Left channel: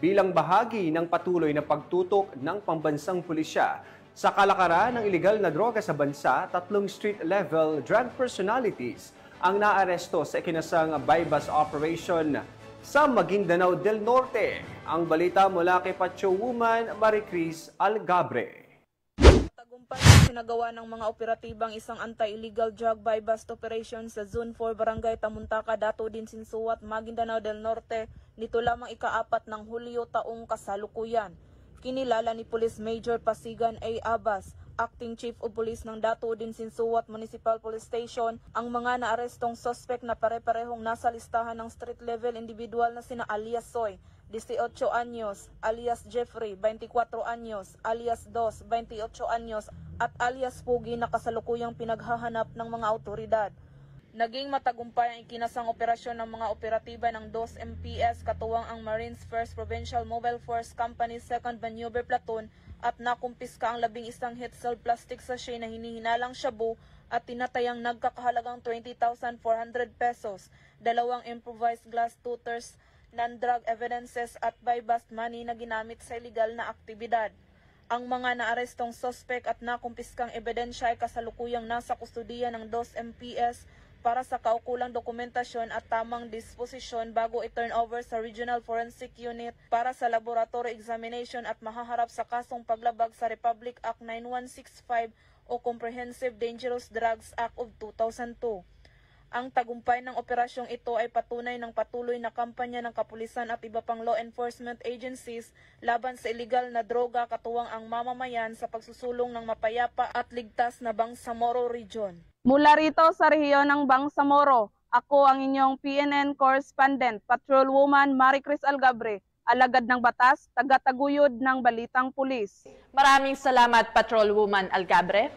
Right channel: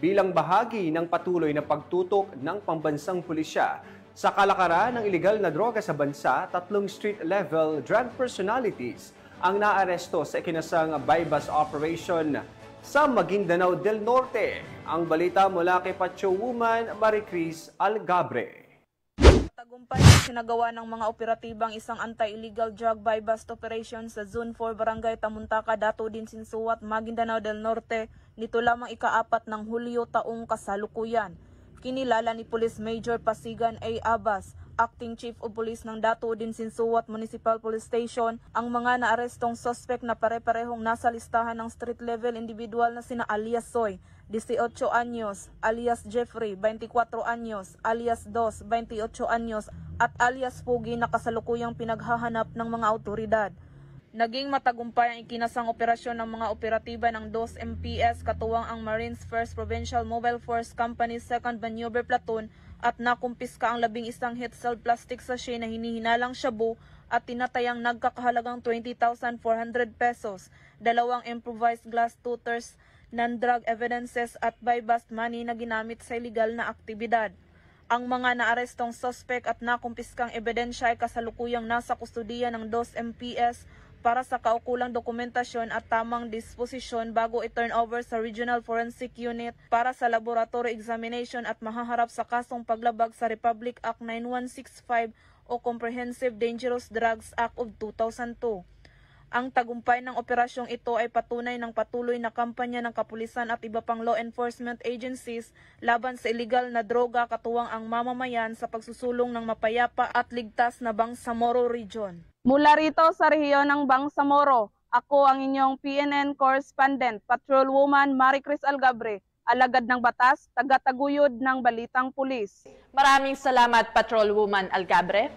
bilang bahagi ng patuloy na pagtutok ng pambansang pulisya sa kalakaran ng ilegal na droga sa bansa. 3 street-level drug personalities ang naaresto sa ikinasang bypass operation sa Maguindanao del Norte. Ang balita mula kay Patrol Woman Maricris Algabre. Tagumpay ang sinagawa ng mga operatibang isang anti-illegal drug buy-bust operation sa Zone 4 Barangay Tamuntaka, Dato din Sinsuat, Maguindanao del Norte nito lamang ika-4 ng Hulyo taong kasalukuyan. Kinilala ni Police Major Pasigan A. Abbas, Acting Chief of Police ng Dato din Sinsuat Municipal Police Station, ang mga naarestong suspect na pare-parehong nasa listahan ng street-level individual na sina alias Soy, 18 anyos, alias Jeffrey, 24 anyos, alias Dos, 28 anyos, at alias Pugi na kasalukuyang pinaghahanap ng mga autoridad. Naging matagumpay ang ikinasang operasyon ng mga operatiba ng 2 MPS katuwang ang Marines 1st Provincial Mobile Force Company 2nd Maneuver Platoon at nakumpiska ang 11 hit-sealed plastic sachet na hinihinalang shabu at tinatayang nagkakahalagang 20,400 pesos, 2 improvised glass tooters, non-drug evidences at buy-bust money na ginamit sa illegal na aktibidad. Ang mga naarestong suspect at nakumpiskang ebidensya ay kasalukuyang nasa kustudiya ng 2 MPS para sa kaukulang dokumentasyon at tamang disposisyon bago i-turn over sa Regional Forensic Unit para sa laboratory examination at mahaharap sa kasong paglabag sa Republic Act 9165 o Comprehensive Dangerous Drugs Act of 2002. Ang tagumpay ng operasyong ito ay patunay ng patuloy na kampanya ng kapulisan at iba pang law enforcement agencies laban sa illegal na droga katuwang ang mamamayan sa pagsusulong ng mapayapa at ligtas na Bangsamoro Region. Mula rito sa rehiyon ng Bangsamoro, ako ang inyong PNN correspondent, Patrol Woman Maricris Algabre, alagad ng batas, taga-taguyod ng Balitang Pulis. Maraming salamat, Patrol Woman Algabre.